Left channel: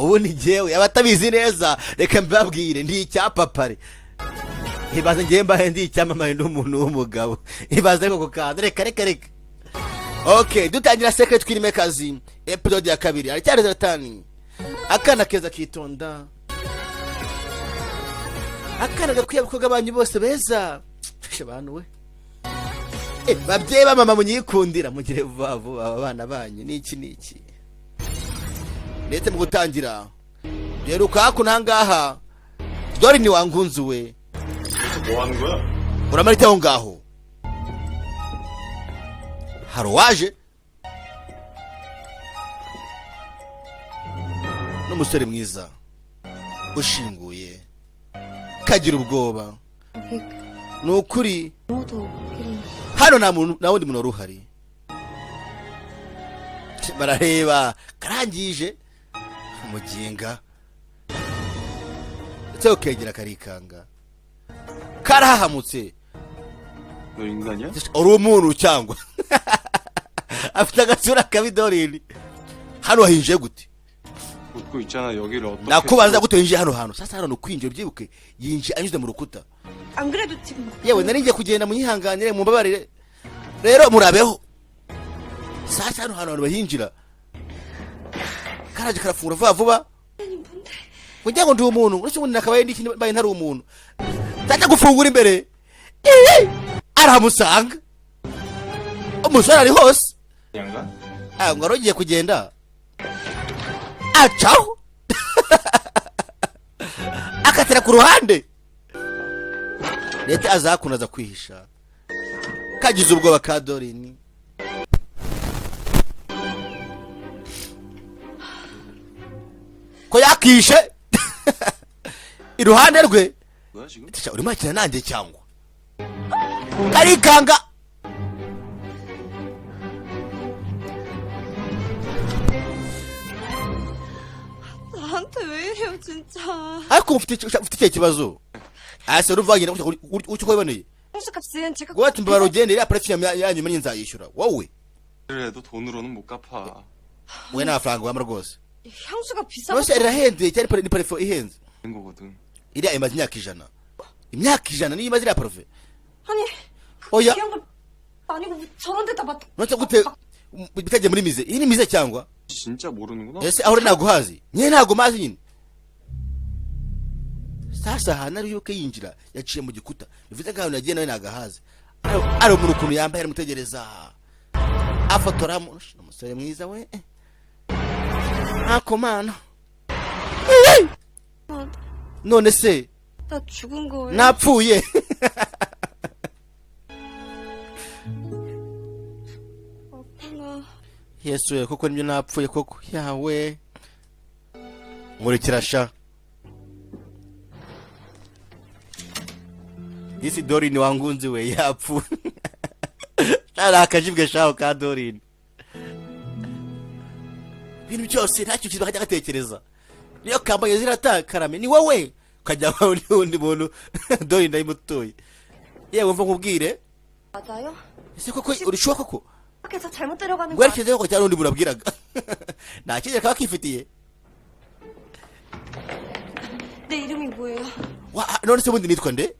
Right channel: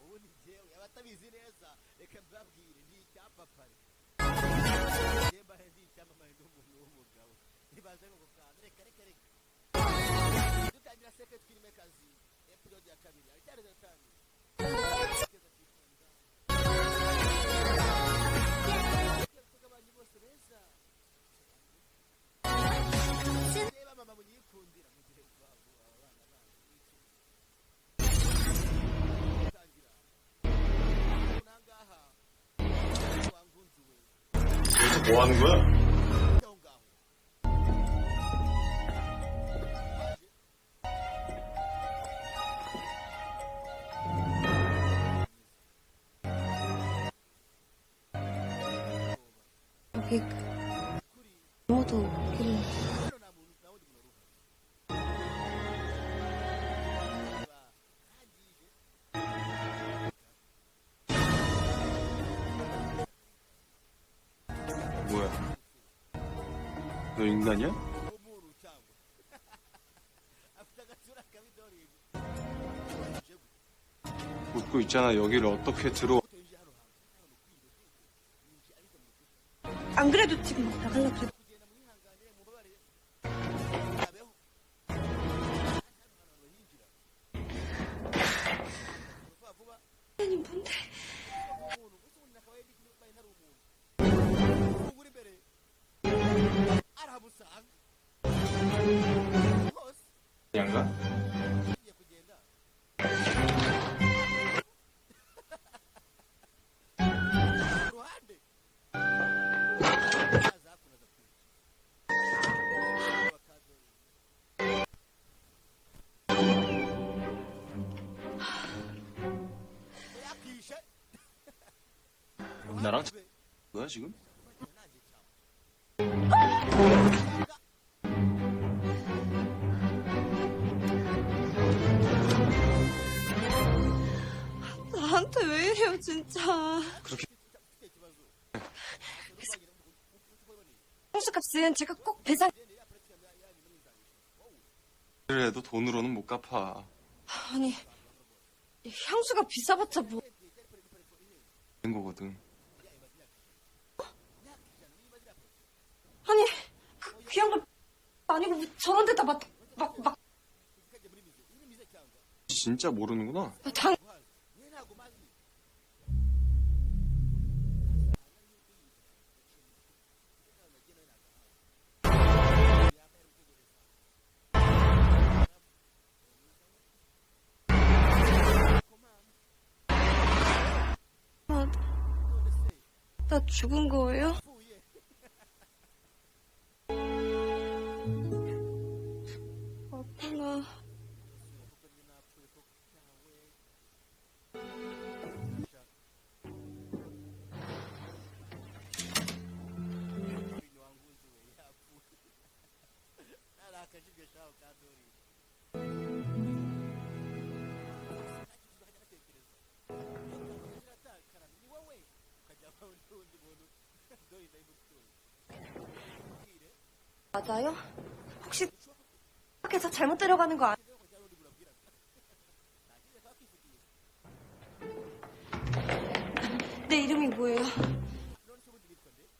ubu ni jyewe abatabizi neza reka mbabwire ndi icyapapare ibaze ngiye mbahe ndi icyamamare n'umuntu w'umugabo ibaze ariko kukaza reka okay dutangira secret twirime kazi episode ya kabiri aracyari zatani akana keza kitonda akana gakwiye abakobwa banyu bose beza abantu we babyeyi ba mama munyikundira mugire vuba vuba abana banyu niki ndetse mu gutangira rero ukaku nangaha dore ni wangunzuwe 뭐 하는 거야? uramarite aho ngaho haro waje n'umusore mwiza ushinguye kagira ubwoba nukuri hano nta wundi muntu waruhari barareba karangije umuginga icyo kegera karikanga karahamutse 너 인간이야? uri umuntu cyangwa afite agasura kabi Dorin hano hinje gute 웃고 있잖아. 여기를 어떻게 nakubaza gute hinje hano sasa hano kwinjira byibuke yinje anyuze mu rukuta 안 그래도 지금 yewe nari ngiye kugenda munyihanganire mu mbabarire rero murabeho sasa hano abantu bahinjira karaje karafungura vuba vuba kugira ngo ndi umuntu uretse ubundi nakabaye ndi ikindi baye ntari umuntu ndaje gufungura imbere aramusanga umusore ari hose 양가? ngo arogiye kugenda acaho akatira ku ruhande leta azakunaza kwihisha kagize ubwoba ka Dorin ko yakishe iruhande rwe 뭐야 지금? urimo akina nanjye cyangwa arikanga 나한테 왜 이래요 진짜. ariko ufite icyo kibazo ase ruvagenda uko kwiboneye 홍수값은 제가 ngo ati mbara ugende ya prefium yanyu meni nzayishura wowe 그래도 돈으로는 못 갚아. we nafaranga wamara rwose 향수가 rwose 비싸서 irahenze cyari ni parfum ihenze 된 거거든. iriya imaze imyaka 100 niyo imaze iriya parfum 아니 그 어야. 귀한 걸 아니고 왜 저런 데다 맡아. none gute bitagiye muri mize iyi ni mize cyangwa 진짜 모르는구나. ese aho ntago hazi nye ntago mazi nyine sasa hanari yuko yinjira yaciye mu gikuta bivuze ngaho nagiye nawe nagahazi ari umuntu ukuntu yambaye aramutegereza afotora umusore mwiza we akomana none se 나 죽은 거예요? napfuye 아프나. yesu we koko nibyo napfuye koko yawe nkurikirasha isi Dorin wangunzi we yapfu ari akajibwe shaho ka Dorin ibintu byose ntacyo kiba kajya gatekereza niyo kambaye ziratakarame ni wowe ukajya undi muntu Dorin ndayimutoye yewe mva nkubwire 맞아요? ese koko urushuwa koko 밖에서 잘못 데려가는 거 아니야? werekezeho ko cyari undi muntu abwiraga nta kigera kaba kifitiye 내 이름이 뭐예요? none se ubundi nitwa nde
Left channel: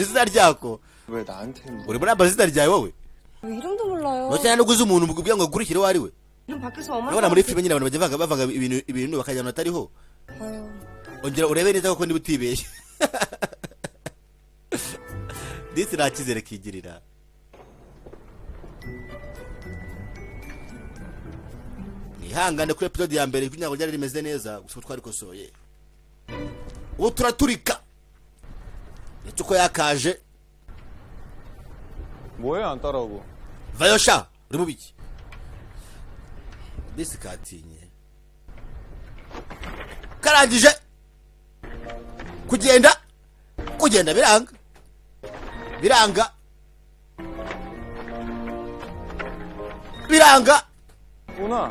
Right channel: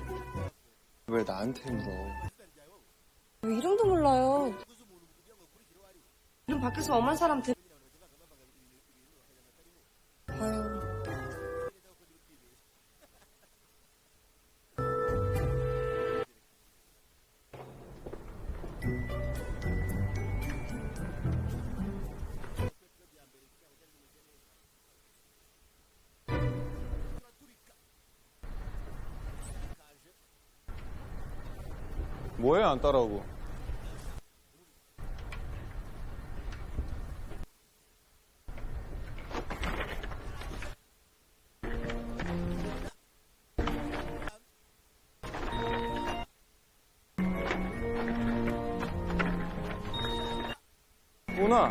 izina ryako 왜 나한테 뭐? uri muri amazina ryawe wowe 왜 이름도 몰라요? none nuguze umuntu kugira ngo akurikire uwo ari we 이름 밖에서 엄한 urabona muri 사람한테 filime nyine abantu bajya bavanga ibintu bakajyana atariho 봐요. ongera urebe neza koko niba utibeshye ndetse nta cyizere kigirira ihangane kuri episode ya mbere kugira ngo ryari rimeze neza gusa twarikosoye ubu turaturika ndetse uko yakaje 뭐해 안 따라오고. vayo sha uri mu biki ndetse katinye karangije kugenda biranga 구나.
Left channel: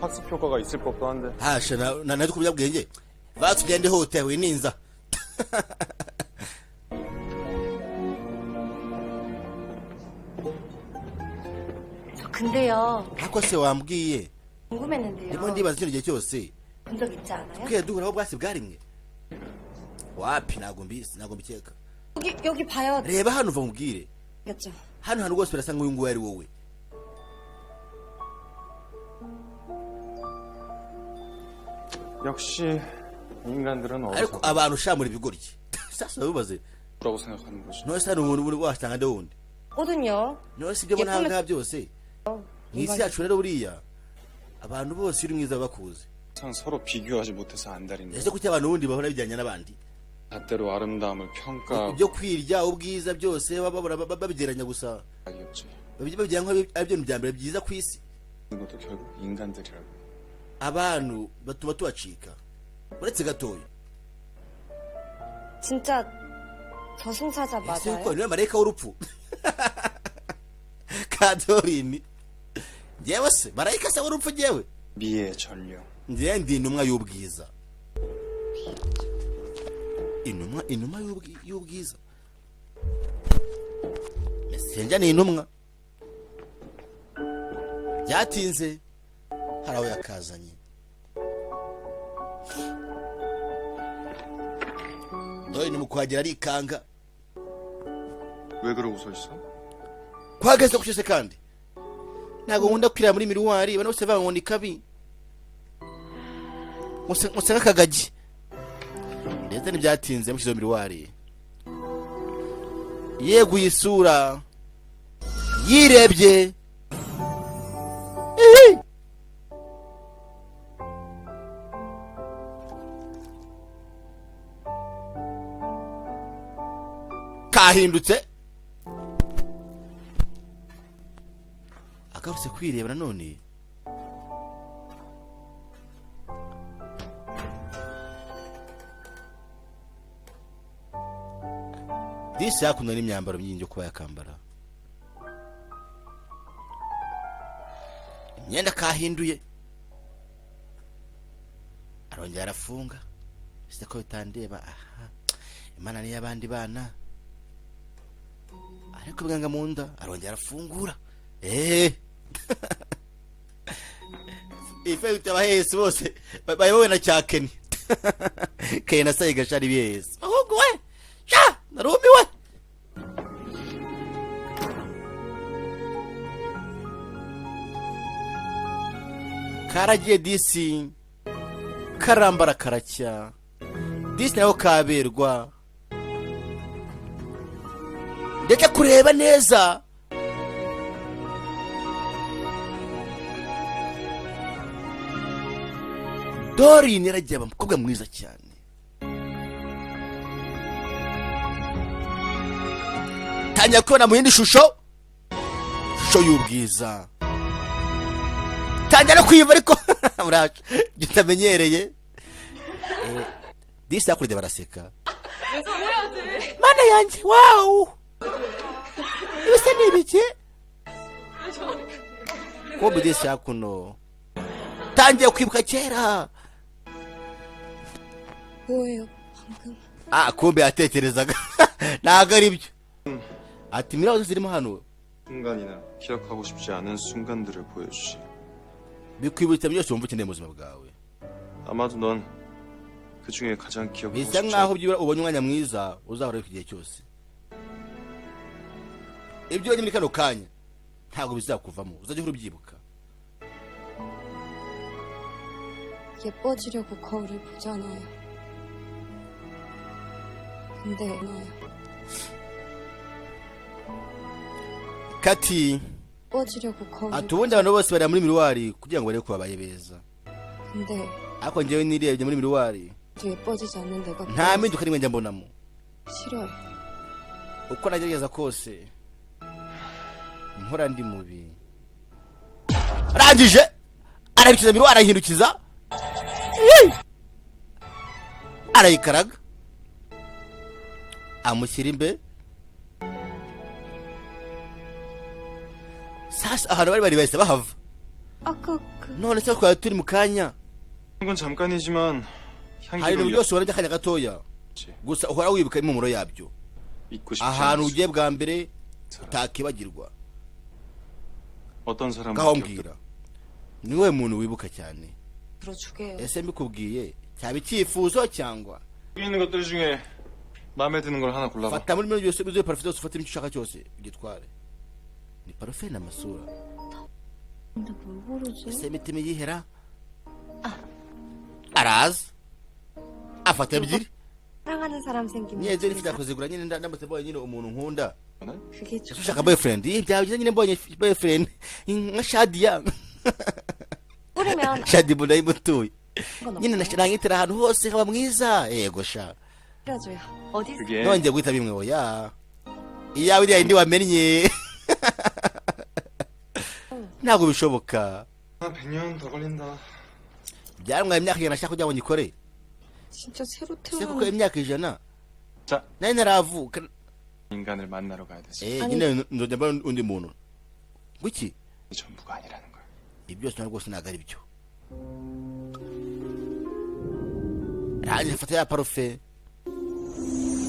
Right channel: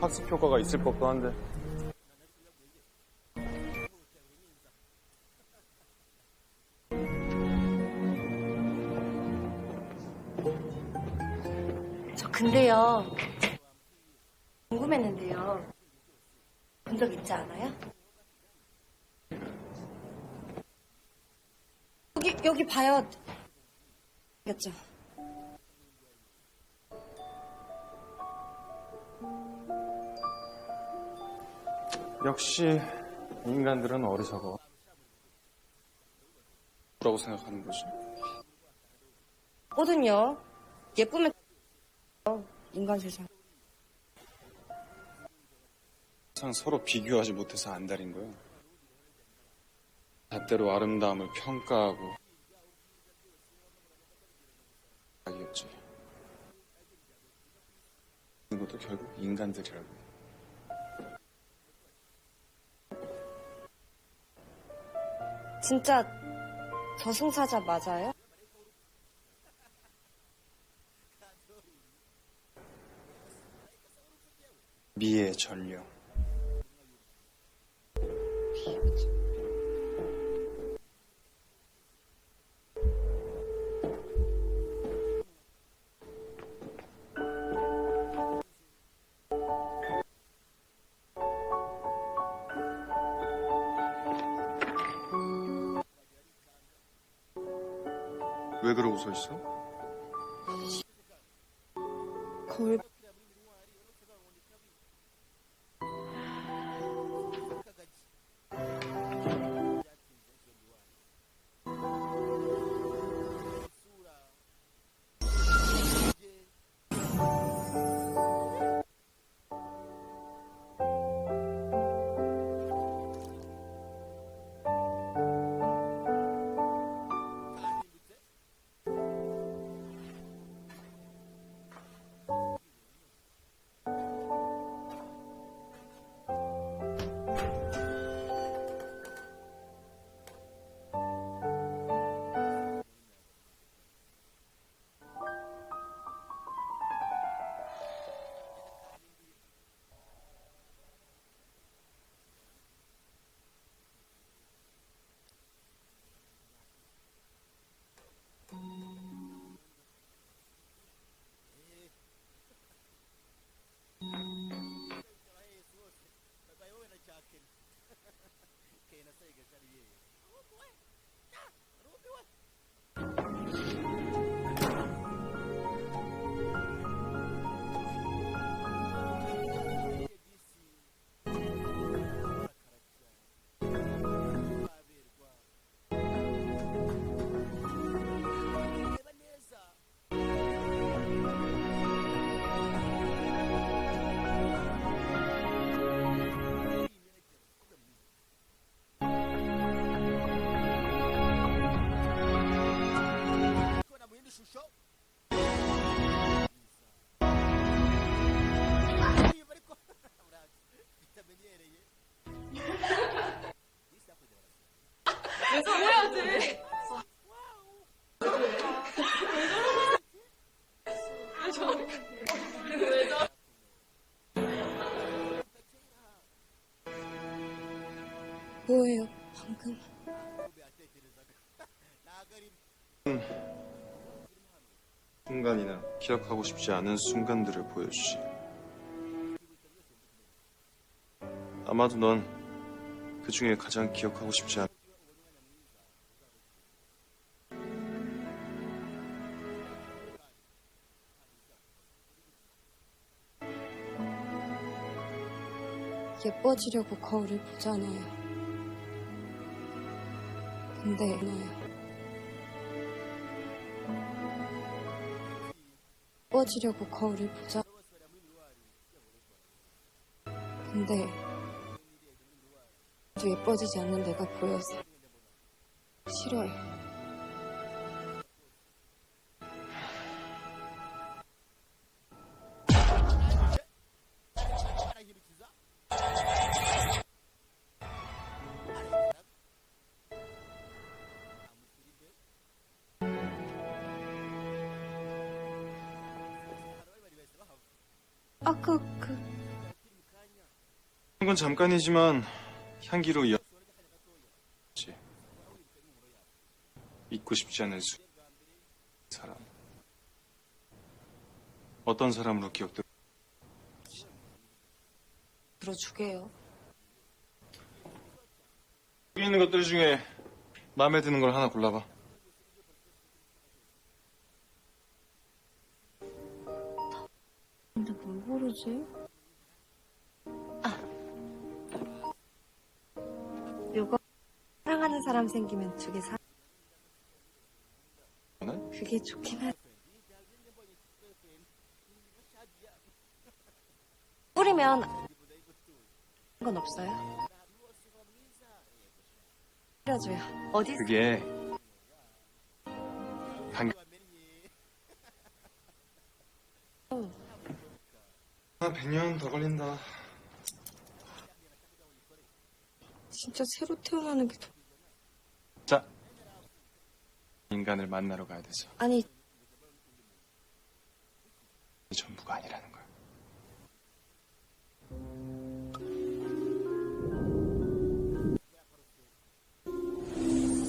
학습 효과가 있을 법도 한데. hasha nazo kubyabwenge batugende hotewe ninza 저 근데요 ako se wambwiye 궁금했는데요. ubundi bazi kino gihe cyose 본 적 있지 않아요? 그게 누구라고 bwatsi bwarimwe wapi ntabwo mbizi ntabwo mbikeka 여기 봐요. reba hano uva mubwire 겠죠. hano hantu rwose birasa nk'uyu nguyu ari wowe 역시 인간들은 ariko 어리석어. abantu shamura ibigoryi sasa bibaze 라고 생각하는 거지. nose hano umuntu uri wasanga nde wundi 거든요. nose ibyo mbona 예쁘면- ngaha byose mwisi yacu rero buriya abantu bose uri mwiza bakuze 항상 서로 비교하지 못해서 안달인 ese 거야. kuki abantu ubundi bahora bijyanye n'abandi 잣대로 아름다움을 평가하고 ibyo kwirya ubwiza byose babigeranya gusa 하겠지. babigira nk'ari byo bya mbere byiza ku isi 이것도 결국 인간들이라고. abantu batuma tubacika uretse gatoya 진짜 저승사자 맞아요? niwe marayika w'urupfu kadorini njyewe se marayika se w'urupfu njyewe 미의 전령. njyewe ndi intumwa y'ubwiza intumwa y'ubwiza mesenja ni intumwa byatinze hari aho yakazanye dore ni mu kuhagera arikanga 왜 그러고 서 있어? kwageze ku cyose kandi ntabwo nkunda kwirira muri miruwari bano bose bankunda ikabi musa nk'akagagi ndetse ntibyatinze mushyizeho miruwari yeguye isura yirebye kahindutse agarutse kwireba nanone disi yakundwa n'imyambaro myinshi yo kuba yakambara imyenda kahinduye arongera arafunga ese ko bitandeba aha imana niyo abandi bana ariko bwanga mu nda arongera arafungura ife utabahese bose bayobowe na cyakeni kene na sayiga shari bihese ahubwo we sha narumiwe karagiye disi karambara karacya disi nayo kaberwa ndeke kureba neza Dorine yaragiye aba umukobwa mwiza cyane tangira kubona mu yindi shusho y'ubwiza tangira no kwiva ariko muraje utamenyereye disi yakurya baraseka mana yanjye wow bisa n'ibiki kumbe disi yakuno tangiye kwibuka kera 뭐예요 방금? kumbe yatekerezaga ntabwo ari byo ati mirazo zirimo hano 순간이나 기억하고 싶지 않은 순간들을 보여주지. bikwibutsa byose wumva ukeneye mu buzima bwawe 아마도 넌 그 중에 가장 기억하고 bisa 싶지 nkaho 않은 byibura ubonye umwanya mwiza uzahora ku gihe cyose ibyo muri kano kanya ntabwo bizakuvamo uzajya uhora ubyibuka 예뻐지려고 거울을 보잖아요. 근데 너야. kati 예뻐지려고 거울을 ati ubundi abantu bose bari muri miruwari kugira ngo barebe ko babaye beza 근데 ariko njyewe nirebye muri miruwari 또 예뻐지지 않는 내가 nta mpinduka n'imwe njya mbonamo 싫어요. uko nagerageza kose nkora ndi mubi arangije arahindukiza miruwari arahindukiza arayikaraga amushyira imbe sasa ahantu bari bahise bahava 아까 none se twari turi mu kanya 건 잠깐이지만 hari 향기로 ibintu byose ubona by'akanya gatoya 이었지. gusa uhora wibuka impumuro yabyo 잊고 싶지 ahantu 않은 ugiye bwa mbere 사람. utakibagirwa 어떤 사람을 ngaho 기억해? mbwira niwe muntu wibuka cyane 들어주게요. ese mbikubwiye cyaba icyifuzo cyangwa 여기 있는 것들 중에 마음에 드는 걸 하나 골라봐. fata muri miliyoni yose uzuye parufe zose ufatemo icyo ushaka cyose ugitware ni parufe n'amasura 근데 뭘 고르지? ese imitima yihera araza afata ebyiri 사랑하는 사람 생기면 yewe 둘이 nshaka kuzigura nyine ndamutse mbonye nyine umuntu nkunda 그게 좋아. ushaka boyfriend byaba byiza nyine mbonye boyfriend nka Shadia 뿌리면 Shadi mbona yimutuye 건 nyine 없어요. nashirangitira ahantu hose haba mwiza yego sha 뿌려줘요. 어디 그게 nongeye guhita bimwe oya iyawe iriya yindi wamennye ntabwo bishoboka 100년 더 걸린다. byarumwaye imyaka ijana nashaka kugira ngo nyikore 진짜 새로 se kuko 태어나는 imyaka ijana 자, nari ntaravuka 인간을 만나러 가야 되지. 아니. nyine nzongera mbona undi muntu gwiki 이 전부가 아니라는 거야. ibi byose ntabwo rwose ntabwo ari byo rangiza afata ya parufe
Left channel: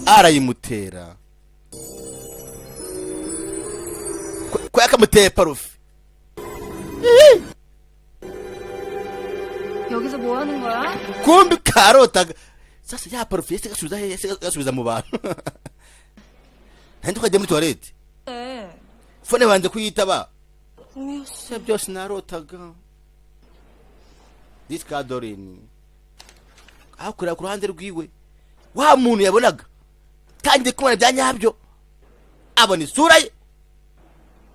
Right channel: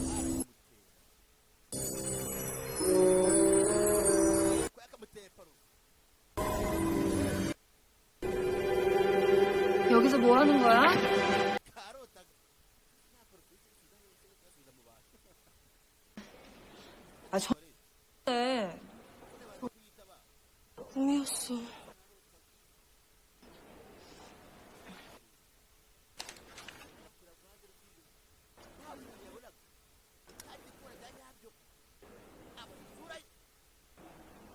arayimutera ko yakamuteye parufe 여기서 뭐 하는 거야? kumbi karotaga sasa ya parufe yese gasubiza he yese gasubiza mu bantu nandi tukajya muri toilette 네. fone banze kuyitaba 꿈이었어. byose narotaga diskadorin akurira ku ruhande rwiwe wa muntu yabonaga kandi kumwana bya nyabyo abona isura ye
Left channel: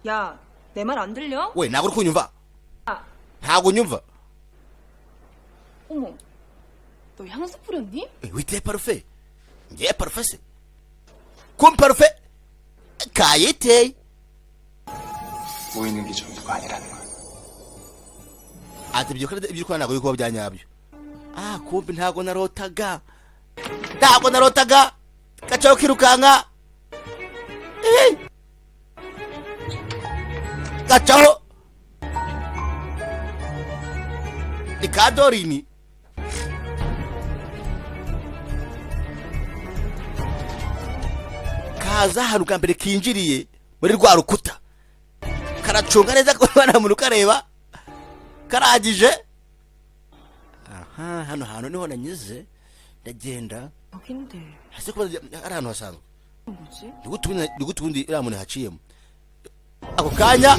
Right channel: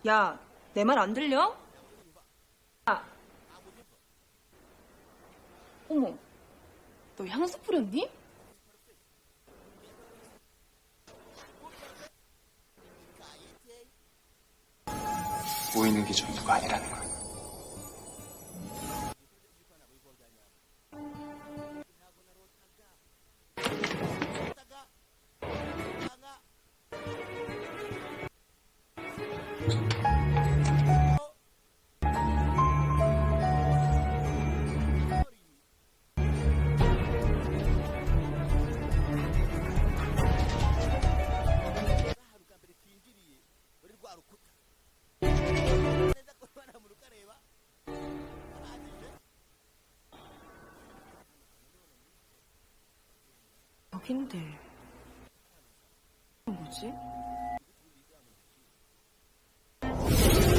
야, 내 말 안 들려? we ntabwo uri kunyumva 아, ntabwo nyumva 어머, 너 향수 뿌렸니? witeye parufe ngiye parufe se kumbi parufe kayiteye 보이는 게 전부가 아니라는 거야. ati ibyo ukora ntabwo biri kuba bya nyabyo kumbi ntabwo narotaga gacaho kirukanka gacaho ni kadorini kaza ahantu bwa mbere kinjiriye muri rwa rukuta karacunga neza ko nta muntu ukareba karagije hano hantu niho nanyuze ndagenda 여긴데 hasi kuba ari ahantu hasanzwe 뭐지? nigutu ubundi iriya muntu haciyemo ako kanya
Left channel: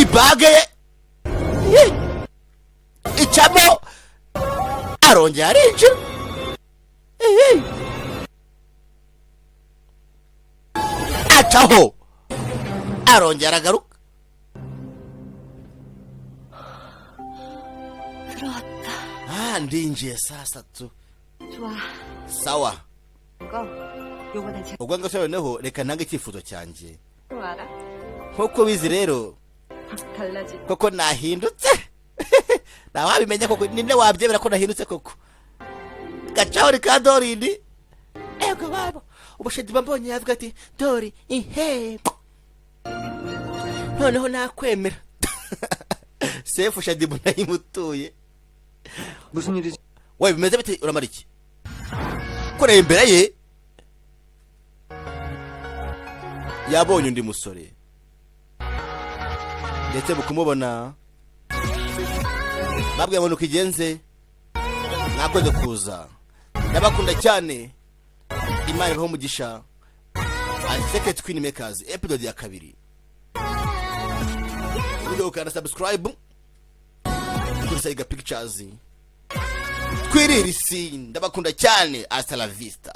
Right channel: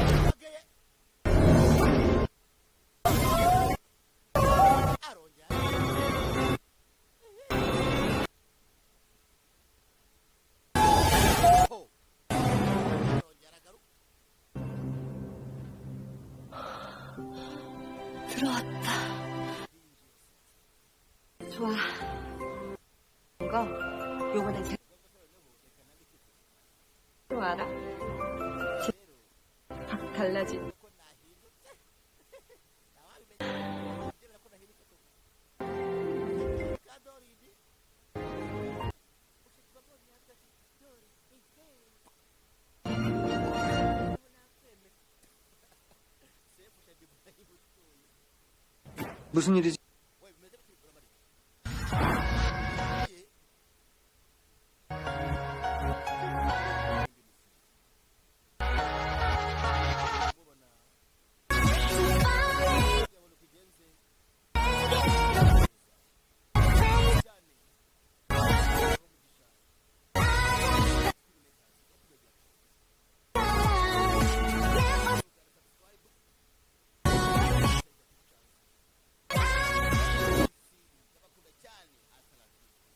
ibage ye icamo arongera arinjira acaho arongera agaruka 들어왔다. ndinjiye saa satu 좋아. sawa 이거 요번엔 제가 ubwo ngase noneho reka ntange icyifuzo cyanjye 또 알아? nk'uko bizi rero 확 달라지. koko nahindutse ntawabimenya koko ninde wabyemera ko nahindutse koko gacaho rika dorini ego babo ubushedi mbonye yavuga ati dori ihe noneho nakwemera sefu shadi nayimutuye 무슨 일이지? we bimeze bite uramara iki kureba imbere ye yabonye undi musore ndetse bukumubona babwiye ngo nukigenze ntabwo kuza ndabakunda cyane imana ibaho umugisha Secret Queen Makers episode ya 2 video kana subscribe Saiga Pictures twirira isi ndabakunda cyane hasta la vista.